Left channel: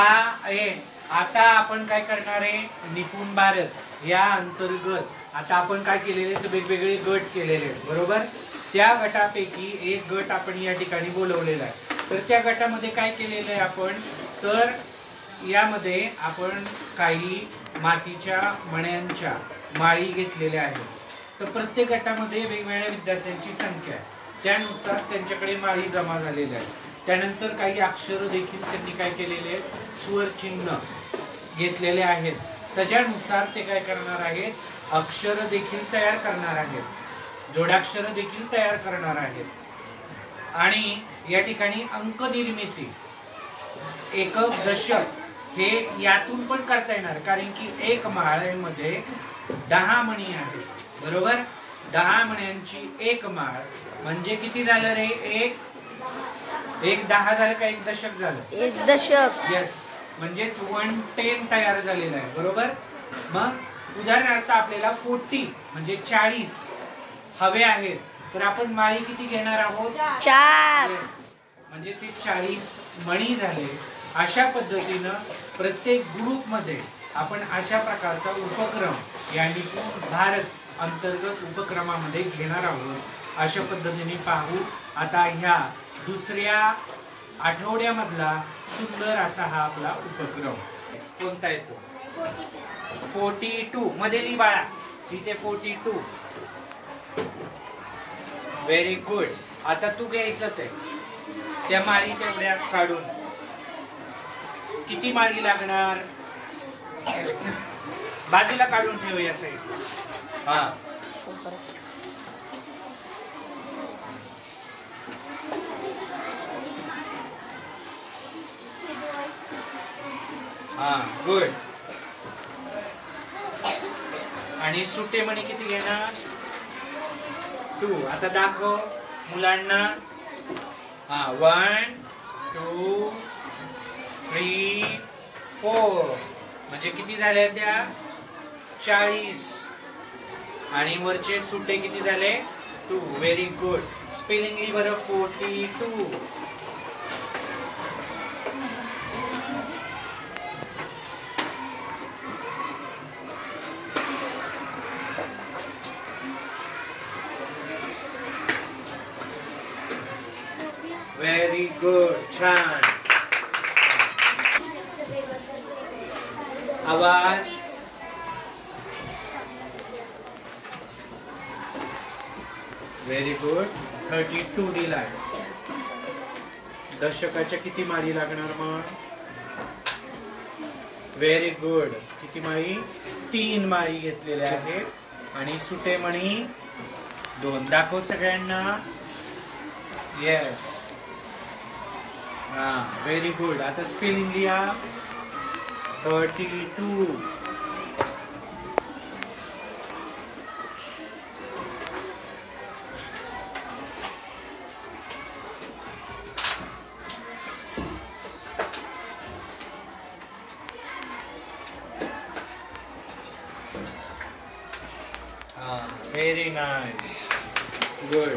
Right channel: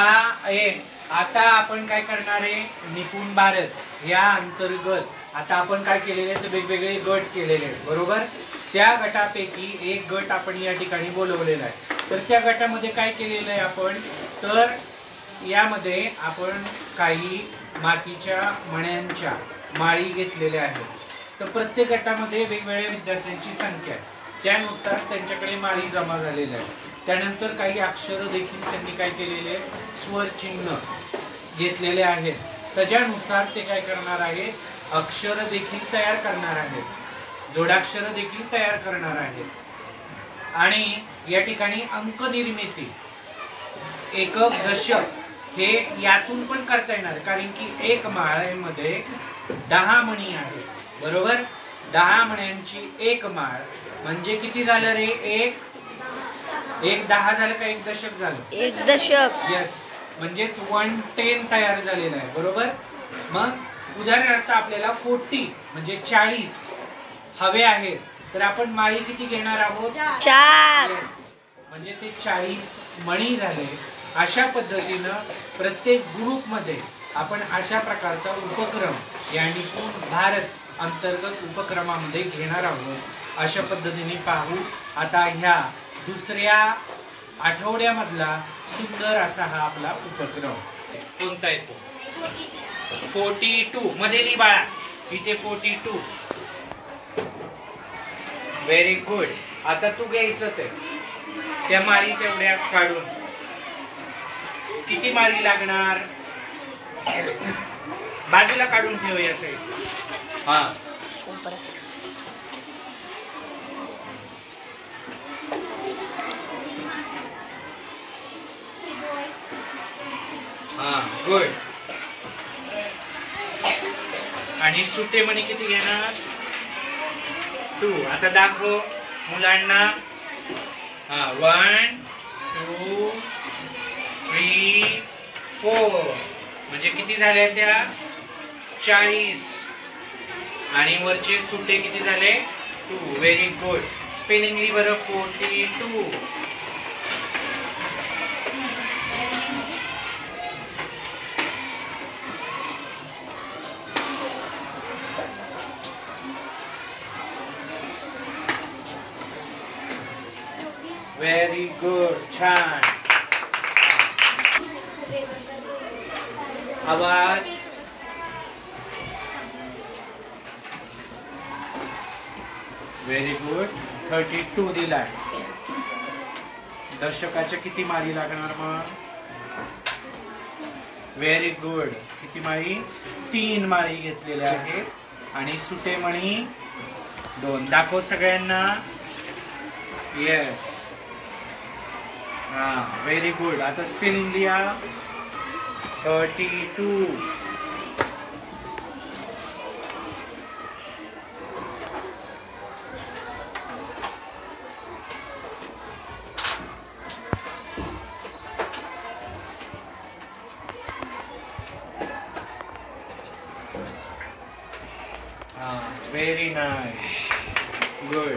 आता आपण काय करणार आहे, निपुण भारत या अंतर्गत आता आपण काय केलेले तर वेगवेगळे गट केलेले आहेत, बरोबर. त्या गटापैकी एक गट आपण या ठिकाणी बोलवलेला आहे. तर त्या गटामध्ये काय केलेलं आहे आपण, तर यामध्ये आपण काही मातीच्या मण्यांच्या माळी घेतलेल्या आहेत. तर प्रत्येक गटामध्ये वेगवेगळ्या विद्यार्थ्यांची संख्या आहे, त्यानुसार त्यांच्याकडे माळी जमा झालेल्या आहेत. त्यानंतर काही अक्षर देखील त्यांनी काय केलेले, स्वर चिन्ह घेतलेले आहेत. त्याच्यानुसार ते काय करणार आहे, अक्षर देखील तयार करणार आहेत, जोडाक्षर देखील तयार करणार आहेत. आणि या ठिकाणी अंक निर्मिती, एकक, दशक हे यातून पण करता येणार, कारण की एक माळेमध्ये 10 मणी आहे, बरोबर. 10 मण्यांची एक माळ म्हणजे किती झालं रे, एक 10 झालं का एक दशक झालं, एक दशक. यस, म्हणजेच 110 तयार झालेला आहे, बरोबर. मग उदाहरणार्थ आपल्याला 40 म्हणजे 40 हवे आहेत, तर आपण माळी किती घेणार आहोत, 4. म्हणजे ते 40 मणी झाले. अशा पद्धतीनं प्रत्येक ग्रुप मध्ये आपण अशा प्रकारचा उपक्रम या निपुण भारत अंतर्गत उपक्रमामध्ये घेणार आहोत. अशा पद्धतीने पाहू आता ह्या दुसऱ्या आठवड्यामधला सुंदर असा हा आपला उपक्रम कोणता येतो, 42 मध्ये लिही बाळा, इथे 42. Very good. आता तू घ्यायचं ते त्या माळी तेवढ्या काढून, किती माळी लागणार बाजूला काढून ठेव या साईड. हा हा गुड. आणि सुटे मणी किती घेणार, 2. आता दाखव मुलांना. हा 1 2 3 4 म्हणजे किती झाल्या त्या 40. आणि वरचे सुटे किती झाले 2. Very good. स्पेलिंग लिही बरं, 42. व्हेरी गुड, छान. आवाज. Very good. 32 दिलाय. दशकाच्या किती माळी लागणार मग, व्हेरी गुड. किती माळी, 3 माळी घेतलेल्या आहेत. आणि सुटे मणी 2. दाखव सगळ्यांना. येस, हा व्हेरी गुड. आता स्पेलिंग लिहा, 32. Very nice, good.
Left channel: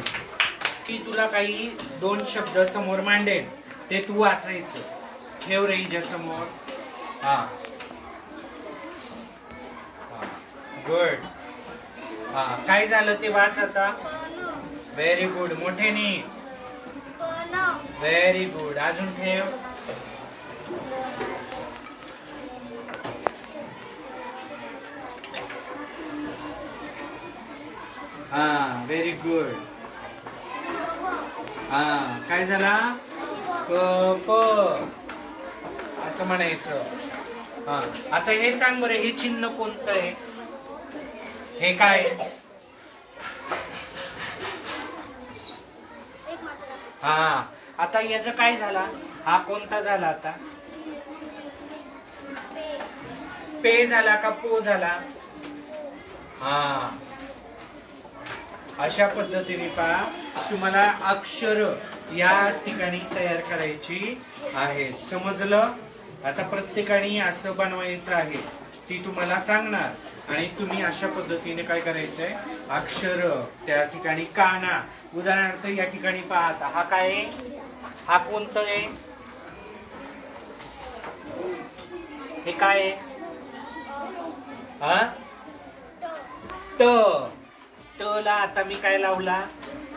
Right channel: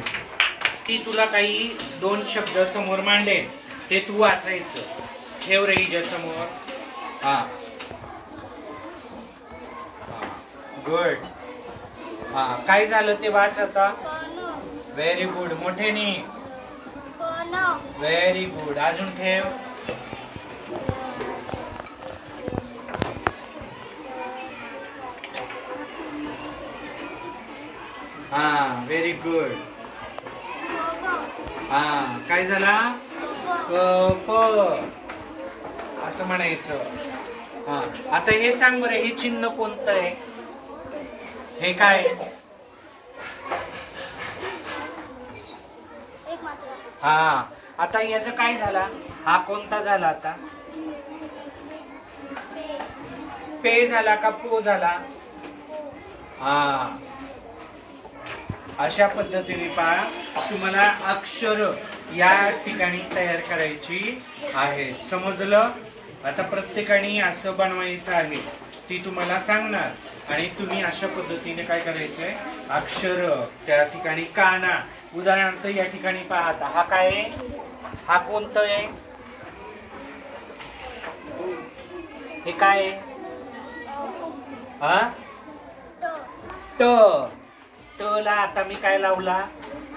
ती तुला काही 2 शब्द समोर मांडेल, ते तू वाचायचं. ठेव रे हिच्या समोर. हा गुड. हा काय झालं ते वाच आता. Very good. मोठ्याने. Very good. अजून ठेव. हा व्हेरी गुड. हा काय झाला, कप असं म्हणायचं. हा आता हे सांग बरं, हे चिन्ह कोणतं आहे, हे काय. हा आता याचं काय झाला, हा कोणता झाला आता, पे झाला का पो झाला. हा अशा पद्धतीने पहा, तुम्हाला अक्षर या ठिकाणी तयार करायची आहेत, समजलं. आता प्रत्येकाने असं बनवायचं आहे, ती तुम्हाला सांगणार. आणि तुम्ही अशा पद्धतीने काय करायचंय, अक्षर त्या ठिकाणी काढणार. उदाहरणार्थ या ठिकाणी पाहता, हा काय आहे, हा कोणतं आहे, हे काय आहे? ट. ट ला आता मी काय लावला?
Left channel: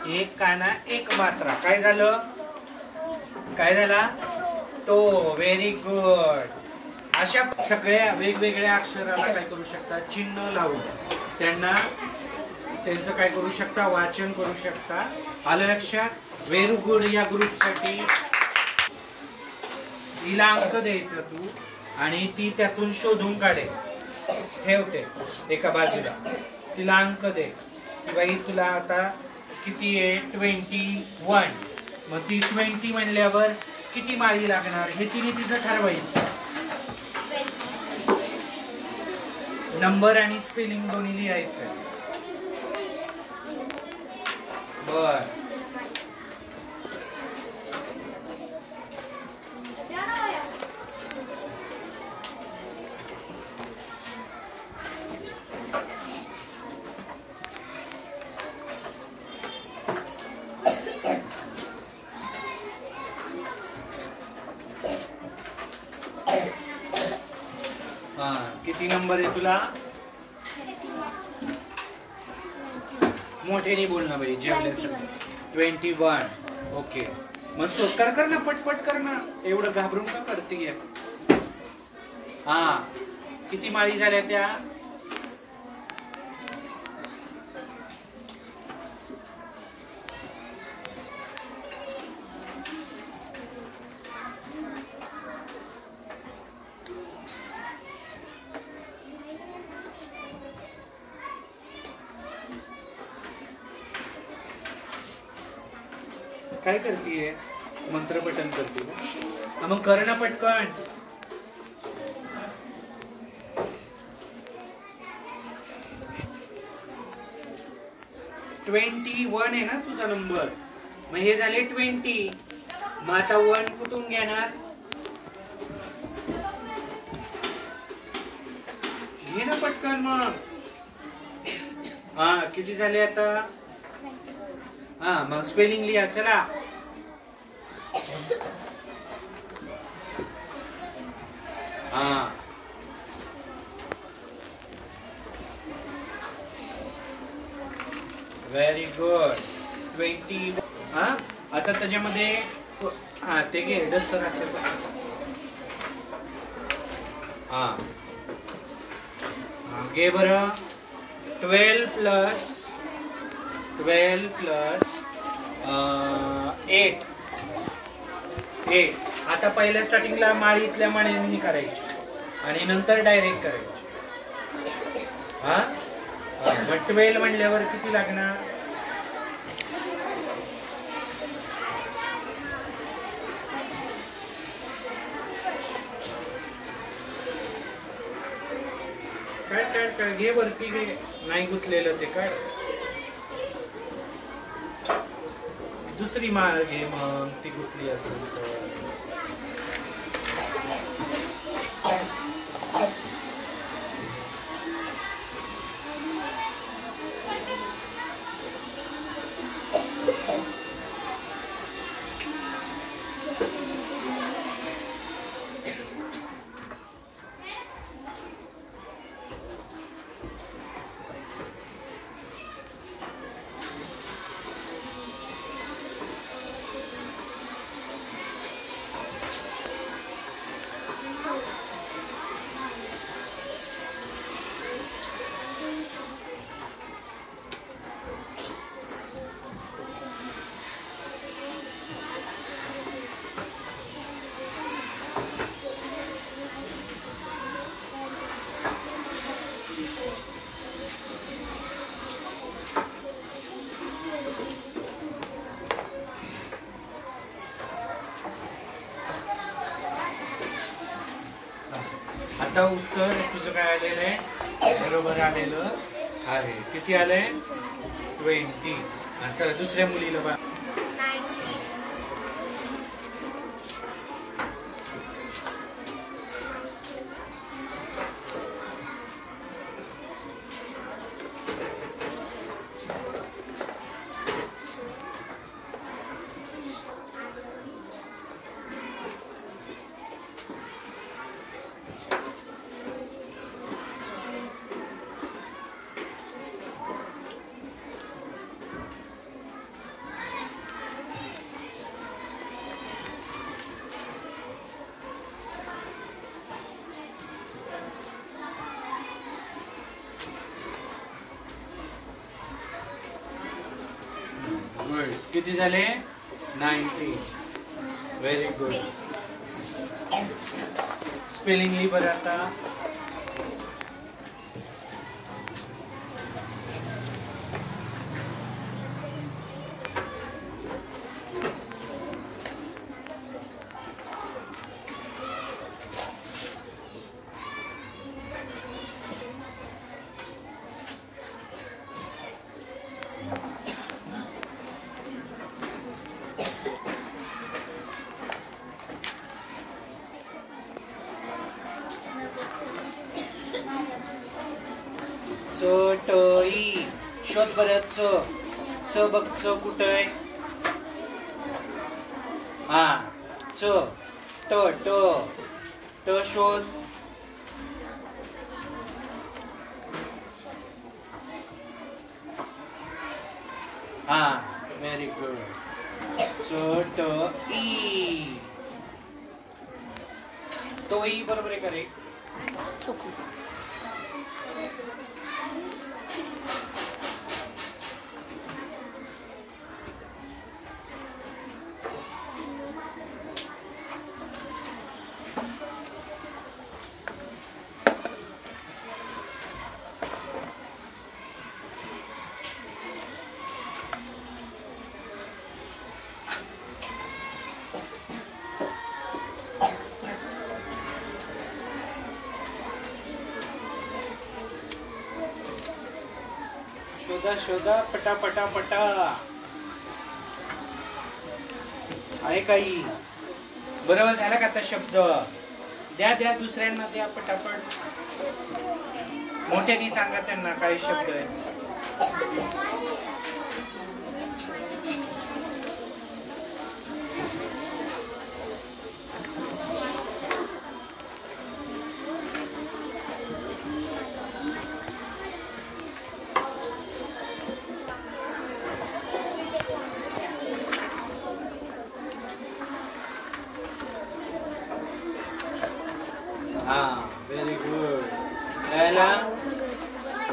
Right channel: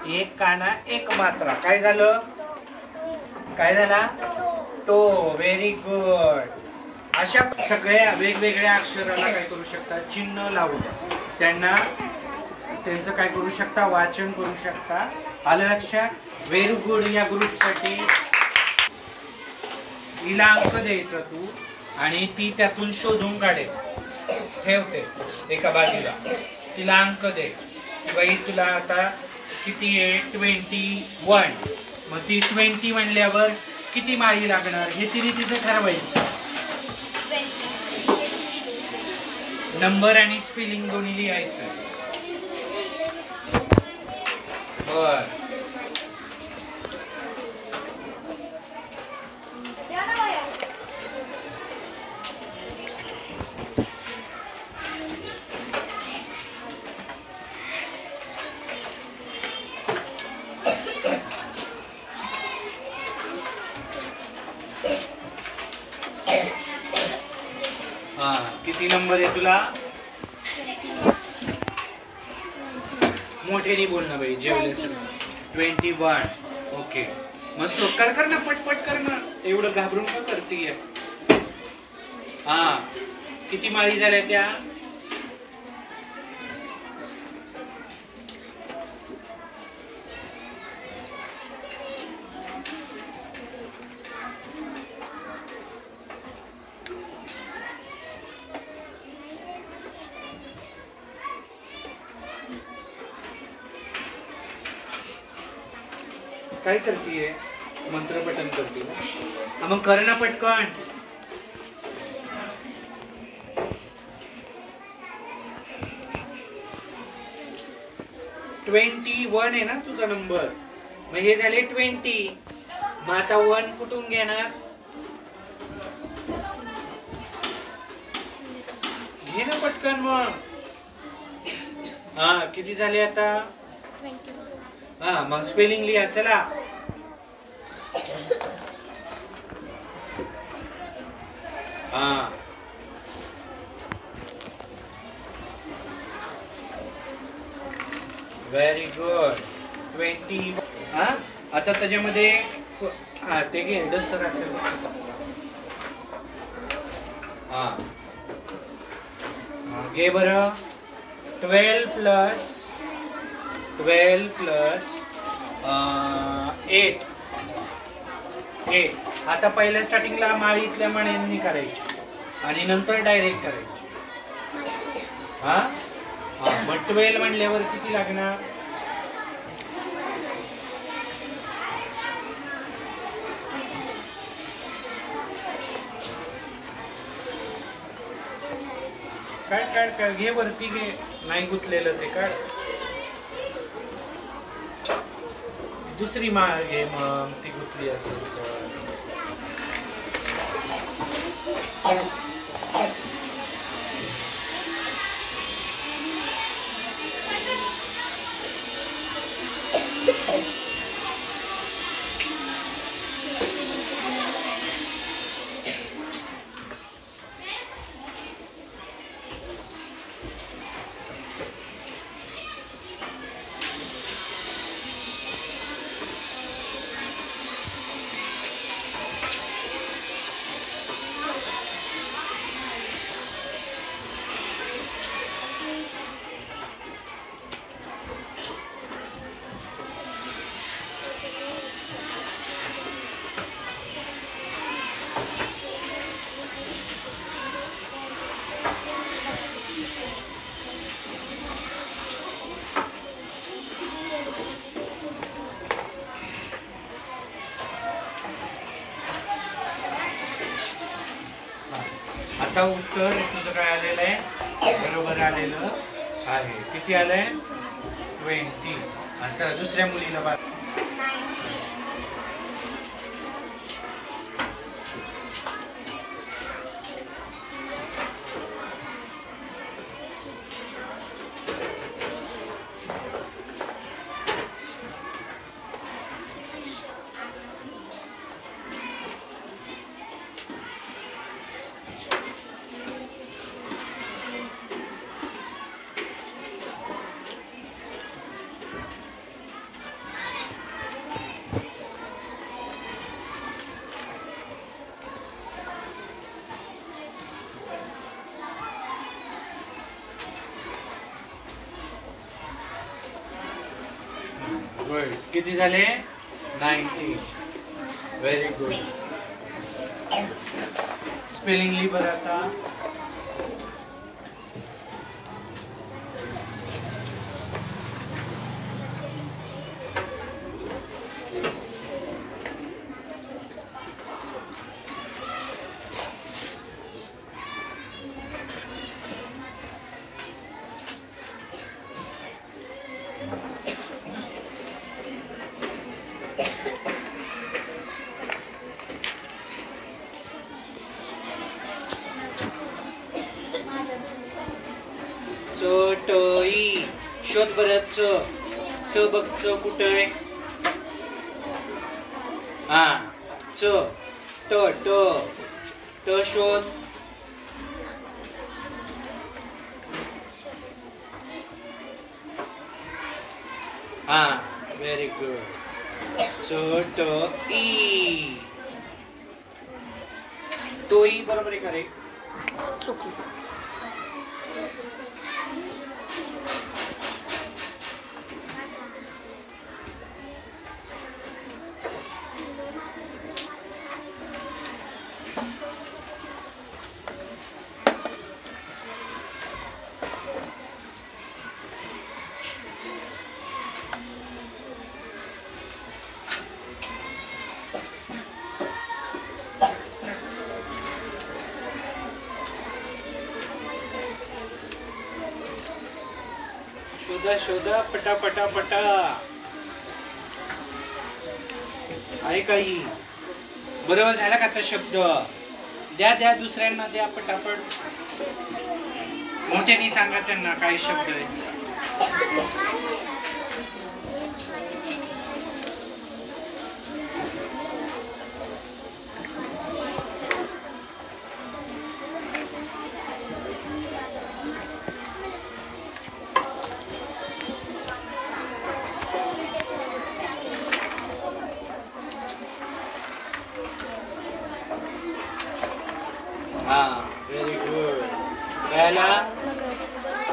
एक काना एक मात्रा. काय झालं? काय झाला? तो. Very good. अशा सगळ्या वेगवेगळ्या अक्षराला काय करू शकता? चिन्ह लावून त्यांचं काय करू शकता? वाचन करू शकता. आलं लक्षात? Very good. या ग्रुपसाठी हिला अंक द्यायचा तू आणि ती त्यातून शोधून काढे, ठेवते एका बाजूला. तिला अंक दे की बाई तुला आता किती आहे? 21. मग ती 20 म्हणल्यावर किती माळी लागणार हे तिने तिचं ठरवायचं. नंबर आणि स्पेलिंग दोन्ही लिहायचं. बर. किती नंबर आहे तुला? मोठेने बोल ना बाई, जेवले सर. 21. ओके. मग सोकर कर ना, पटपट कर ना, एवढं घाबरून का करतीये? हा, किती माळी झाल्या त्या? काय करतीये? मंत्रपठन करते. मग कर ना पटकन. ट्वेंटी 21 आहे ना तुझा नंबर. मग हे झाले 20. मग आता 1 कुठून घेणार? घे ना पटकन मग. हा, किती झाले आता? हा, मग स्पेलिंग लिहा. चला. हा, व्हेरी गुड. 20. हा, आता त्याच्यामध्ये हा ते घे, डस्टर असेल. हा, घे बरं. 12 प्लस 8. आता पहिल्या स्टार्टिंगला माळीतल्या माळ्यांनी करायची आणि नंतर डायरेक्ट करायची. हा, मग 12 म्हणल्यावर किती लागणार? काय घे वरती घे, नाही गुंतलेलं ते काय. दुसरी माळ घे मग, ती गुंतली असेल तर. आता उत्तर तुझं काय आलेलं आहे? बरोबर आलेलं आहे. किती आलंय? 20. चला दुसऱ्या मुलीला बघ. गुड. किती झाले? 90. Very good. स्पेलिंग लिही बरं आता. चटई. शोध बरं. च बघ. च कुठं आहे? हा. च ट ट ट शोध. हा. Very good. चटई. तोही बरोबर आहे का रे? चुकलं. शोधा शोधा पटा पटा पटा. आहे काही? बरोबर झाला का आता शब्द? द्या द्या दुसऱ्यांना द्या पटापट. मोठ्याने सांगा त्यांना काही शब्द आहे. हा. Very good. पहिला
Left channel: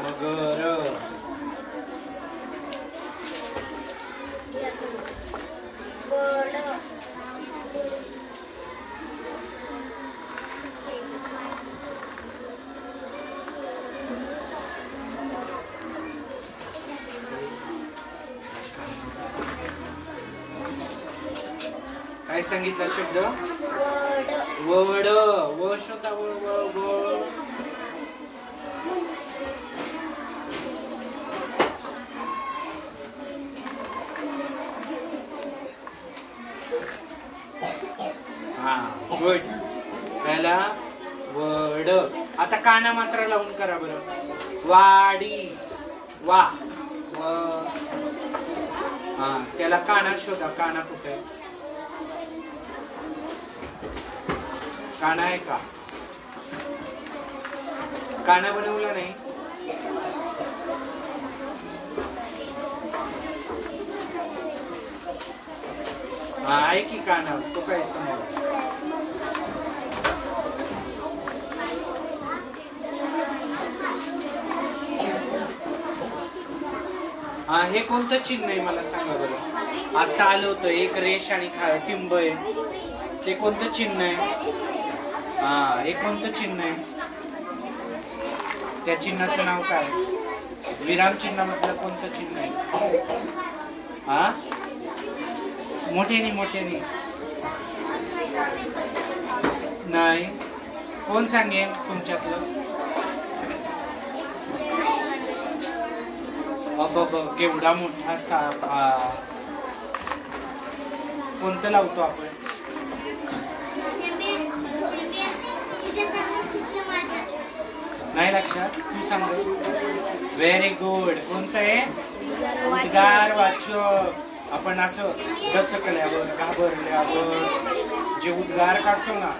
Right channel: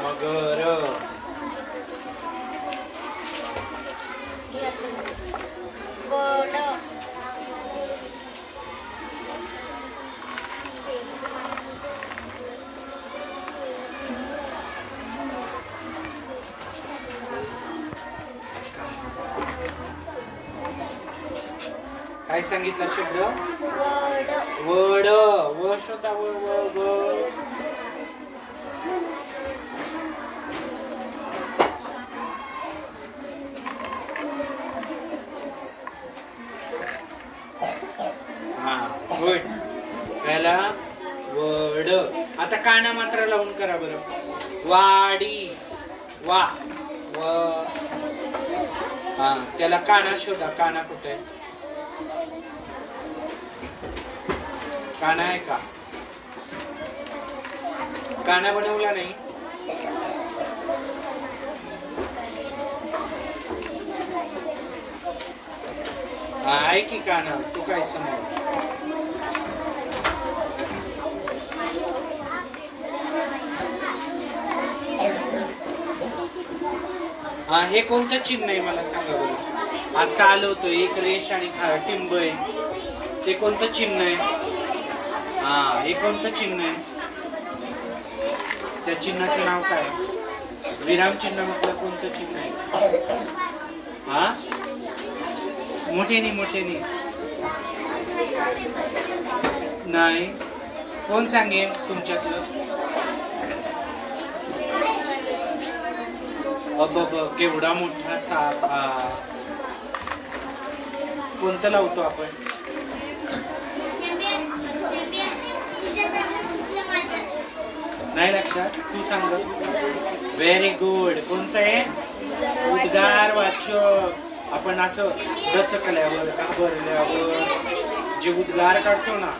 मगर. बड. काय सांगितला शब्द? वड. वड. व शोधा. व व व. हा. गुड. पहिला वड. आता काना मात्र लावून करा बरं. वाडी. वा. व. हा. त्याला काना शोधा. काना कुठे? काना आहे का? काना बनवला नाही. हा आहे की काना. तो काय समोर? हा. हे कोणतं चिन्ह आहे मला सांगा बरं. आता आलं होतं एक रेष आणि टिंब आहे. ते कोणतं चिन्ह आहे? हा. हे कोणतं चिन्ह आहे? त्या चिन्हाचं नाव काय? विराम चिन्ह म्हटलं कोणतं चिन्ह आहे? हा. मोठ्यानी नाही. कोण सांगेल तुमच्यातलं? अब केवढा मोठा साप हा. कोणतं लावतो आपण? नाही लक्षात? तू सांग. Very good. कोणतं आहे? उद्गार वाचक. आपण असं गचकल्यावर घाबरल्यावर जे उद्गार काढतो ना,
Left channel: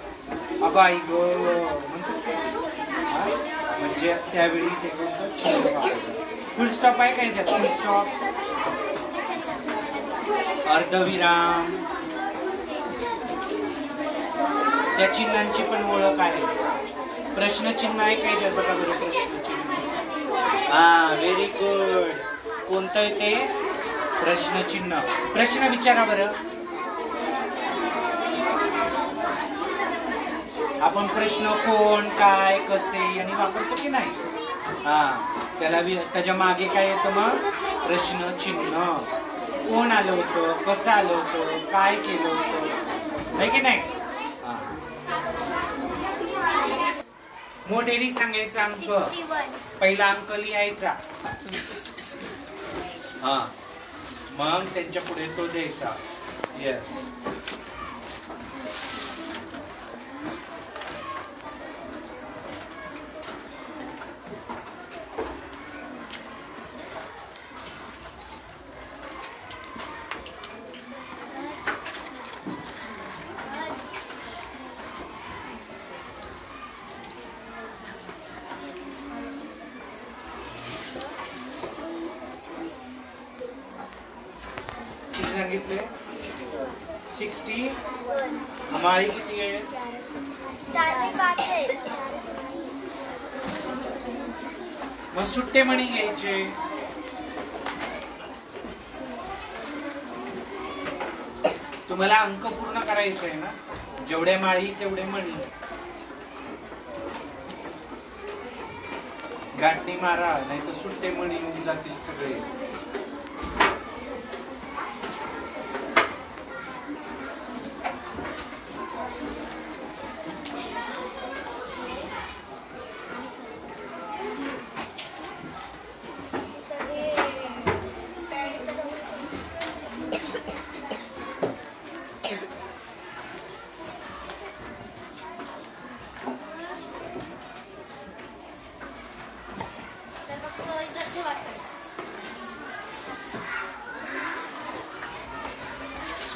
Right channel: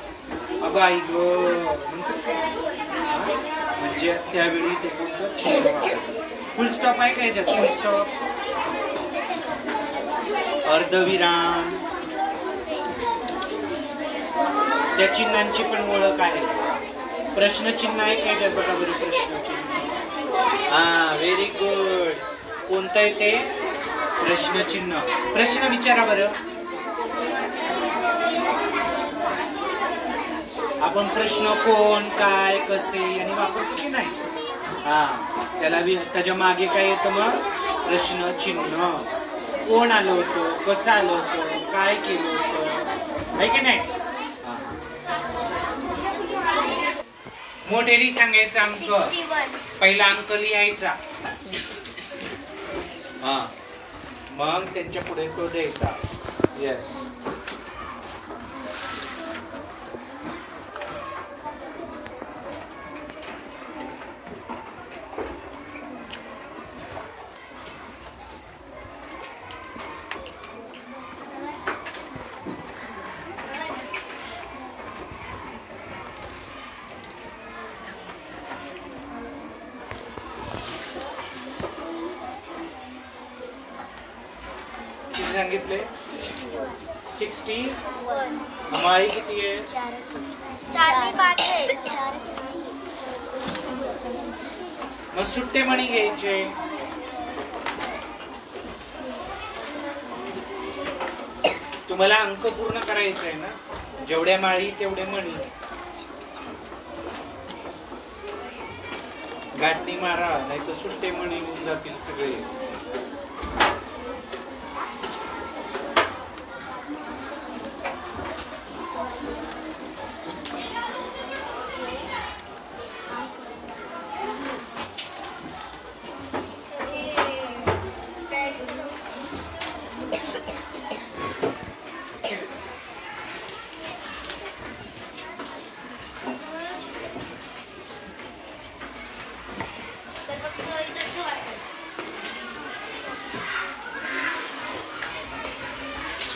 अगं आई ग म्हणतो, म्हणजे त्यावेळी ते फुल स्टॉप आहे का याच्यात? फुल स्टॉप, अर्धविराम, त्या चिन्हांची पण ओळख आहे. प्रश्नचिन्ह आहे का याच्यात? बघा बरं प्रश्नचिन्ह. हा व्हेरी गुड. कोणतं आहे ते? प्रश्नचिन्ह. प्रश्न विचारा बरं. आपण प्रश्न कोण, काय, कसे यांनी वापरतो की नाही. हा, त्याच्या मागे काय येतं मग? प्रश्नचिन्ह. कोण आलं होतं, कसं आलं होतं, काय केलं होतं, आहे की नाही. मोठ्याने सांगायचा अंक. पहिला अंक लिहायचा. हा, मग त्यांच्या पुढे तो द्यायचा. येस. सांगितले 60. माळी किती आहे? 4. मग सुट्टे मणी घ्यायचे. तुम्हाला अंक पूर्ण करायचे आहे ना. जेवढ्या माळी तेवढे मणी. गाठणी मारा, नाही तर सुट्टे मणी येऊन जातील सगळे.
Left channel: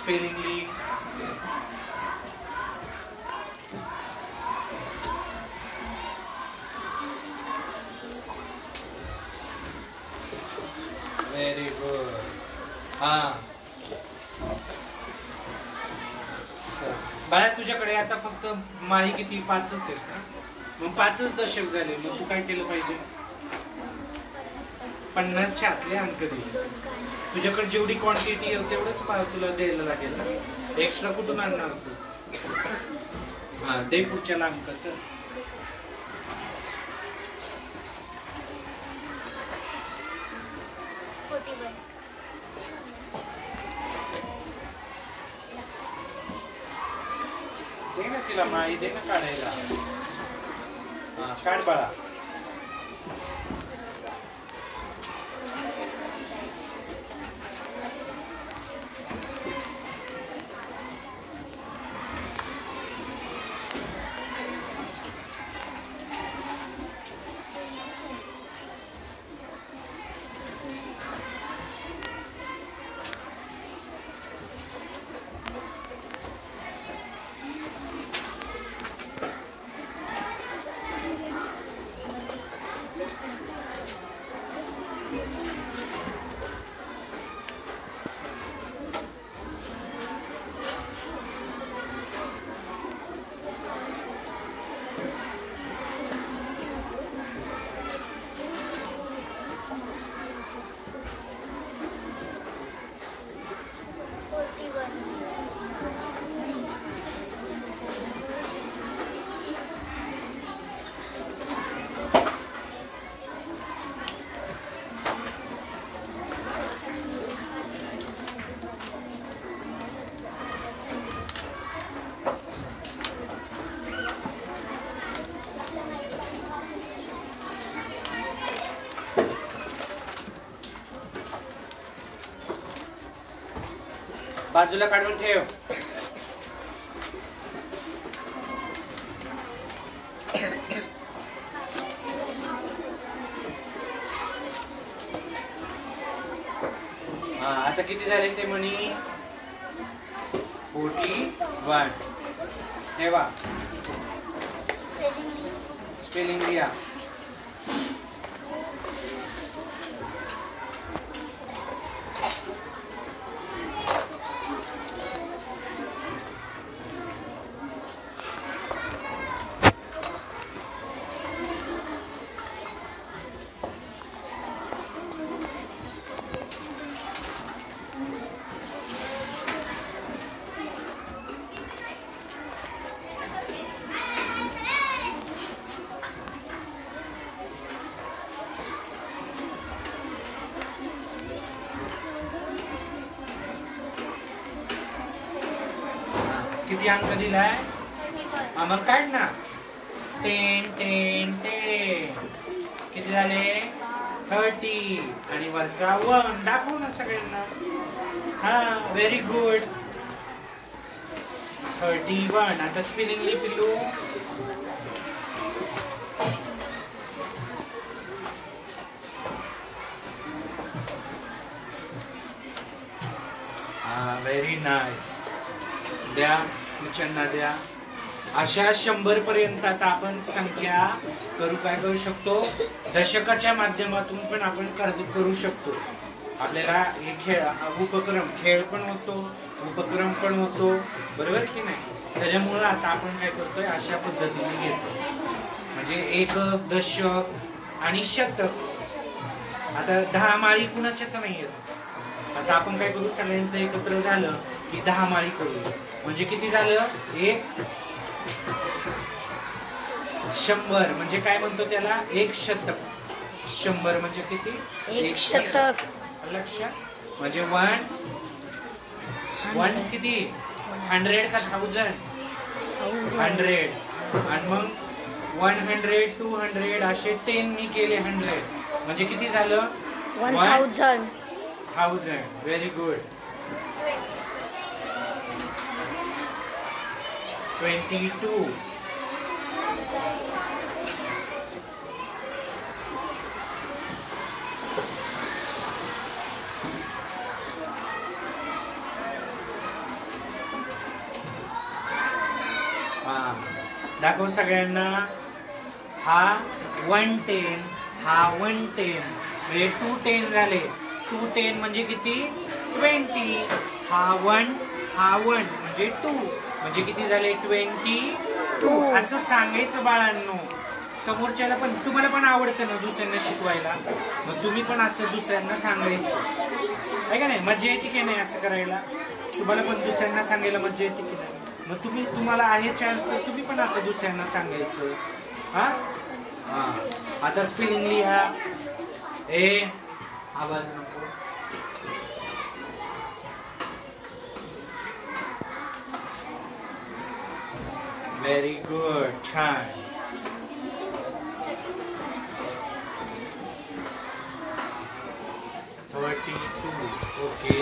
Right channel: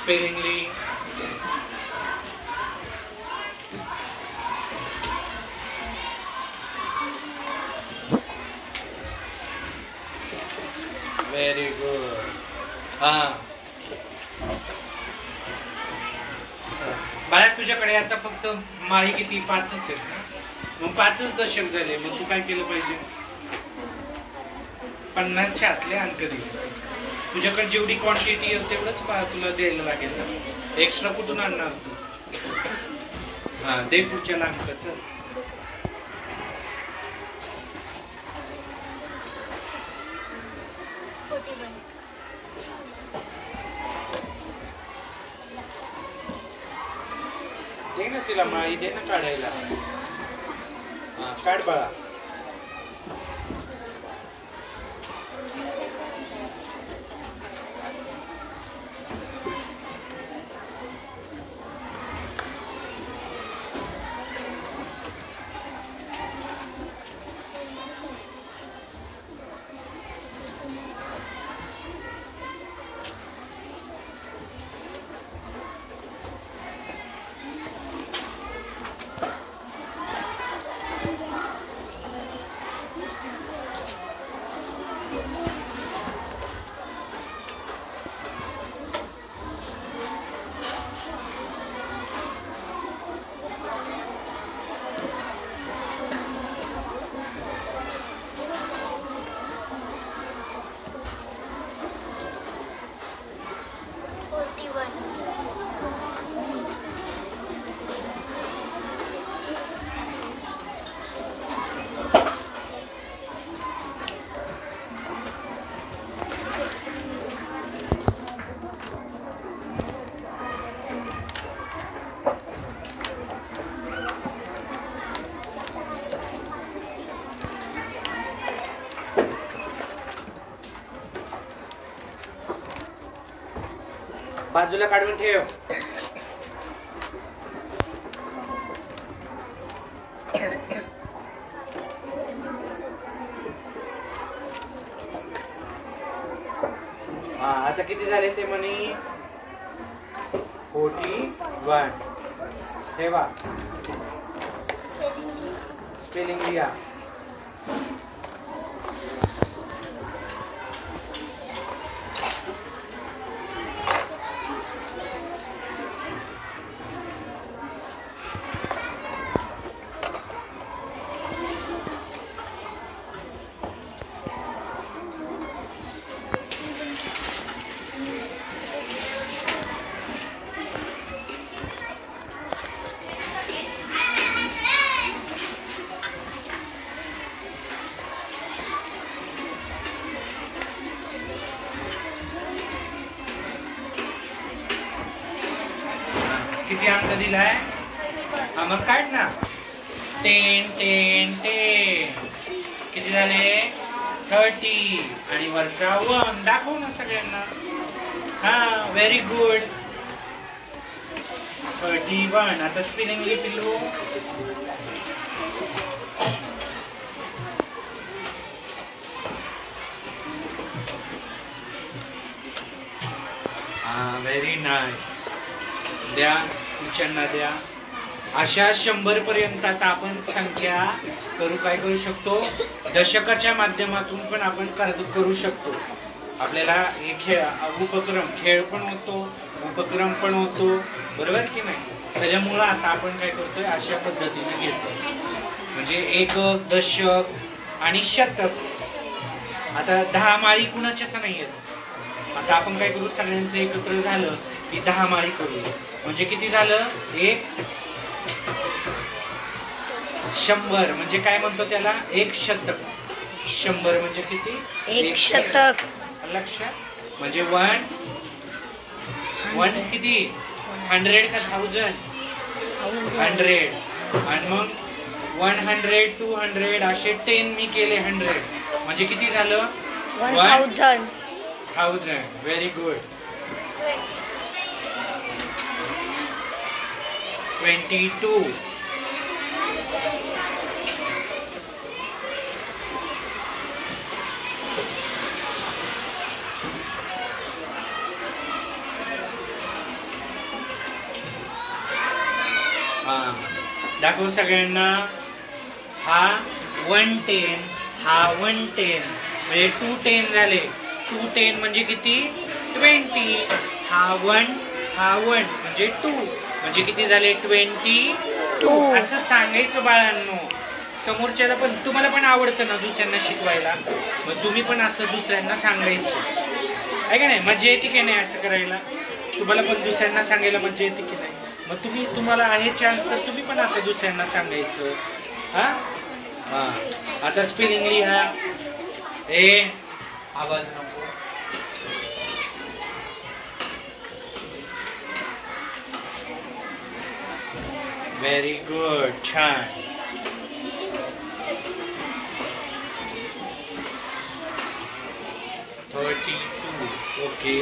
Spellingly. Very good. बाळा, तुझ्याकडे आता फक्त माळी किती? 5च आहेत ना. मग 5च दशक झाले. मग तू काय केलं पाहिजे? 50च्या आतले अंक दिले. तुझ्याकडे जेवढी क्वांटिटी आहे तेवढंच तुला द्यायला लागेल ना. एक्स्ट्रा कुठून आणणार तू? हा, दे पुढच्या अंकाचं. दे ना तिला माळी, दे ना काढायला. हा, काढ बाळा. बाजूला काढून ठेव. हा, आता किती झाले ते म्हणी? 41. ठेवा. स्पेलिंग लिहा. किती अंक दिलाय? हा मग काढ ना. 10 10 10 किती झाले? 30 आणि वरचा 1 दाखव ना सगळ्यांना. हा व्हेरी गुड. 31. आता स्पेलिंगली पिल्लू. Very nice. द्या टीचरना द्या. अशा 100 पर्यंत आता आपण संख्या काय करू शकतो? दशकाच्या माध्यमातून पण आपण करू शकतो. आपल्याला हे खेळ पण होतो, उपक्रम पण होतो, बरोबर की नाही? त्याच्यामुळं आता आपण काय करतोय? अशा पद्धतीने घेतो. म्हणजे एकक, दशक आणि शतक. आता 10 माळी कुणाच्याच नाही आहेत. आता आपण काय करू? सगळ्यांचं एकत्र झालं की 10 माळी करूया. म्हणजे किती झालं? 100 म्हणजे काय म्हणतो त्याला? 1 शतक. 100 म्हणजे किती? 1 शतक. लक्षात? म्हणजे 1 किती? 100 का 1000? 100. आणि मग 100, 200 असे 10 मी केले 100. म्हणजे किती झालं? 1000. Very good. 22. दाखव सगळ्यांना. हा 110, हा 110 म्हणजे 210 झाले. 210 म्हणजे किती? 20. हा 1 म्हणजे 2 म्हणजे किती झाले? 22. असं सांगायचं बाळांनो. समोरच्याला पण, तुम्हाला पण आवडतं ना दुसऱ्यांना शिकवायला, मग तुम्ही पण असं दुसऱ्यांना सांगायचं आहे का नाही? मज्जा येते की नाही असं करायला? तुम्हाला पण दुसऱ्यांना सांगायला मज्जा येते की नाही? मग तुम्हाला आहे चान्स तर तुम्ही पण आता दुसऱ्यांना सांगायचं. हा हा. आता स्पेलिंग लिहा. आवाज नको. Very good. छान. ओके.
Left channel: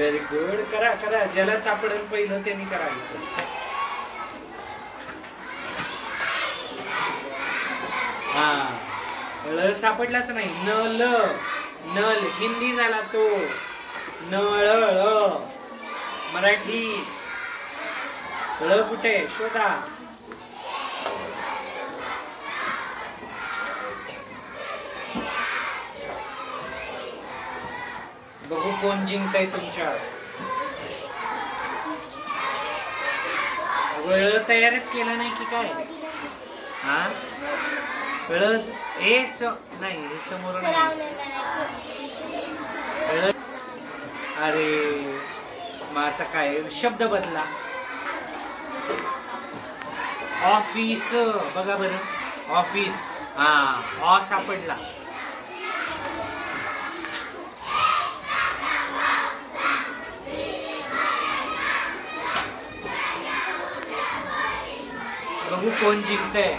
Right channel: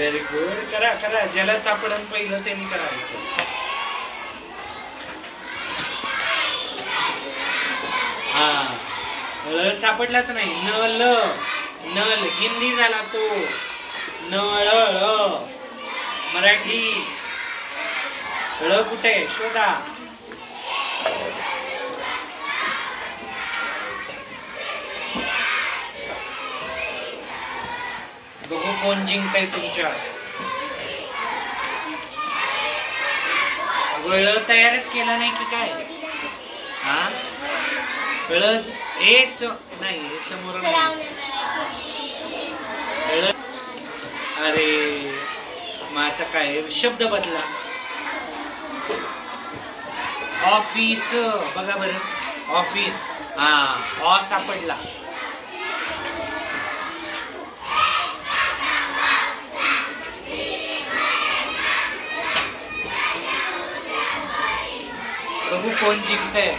Very good. करा करा. ज्याला सापडून पहिलं त्यांनी करायचं. हा ळ सापडलाच नाही. नल नल हिंदी झाला तो. नळ मराठी. ळ कुठे शोधा. बघू कोण जिंकताय तुमच्या. ळ तयारच केलं नाही की काय. हा ळ हे नाही हे समोर नाही. अरे मग आता काय शब्द बदला. ऑफिस बघा बरं. ऑफिस. हा ऑ सापडला. बघू कोण जिंकतंय.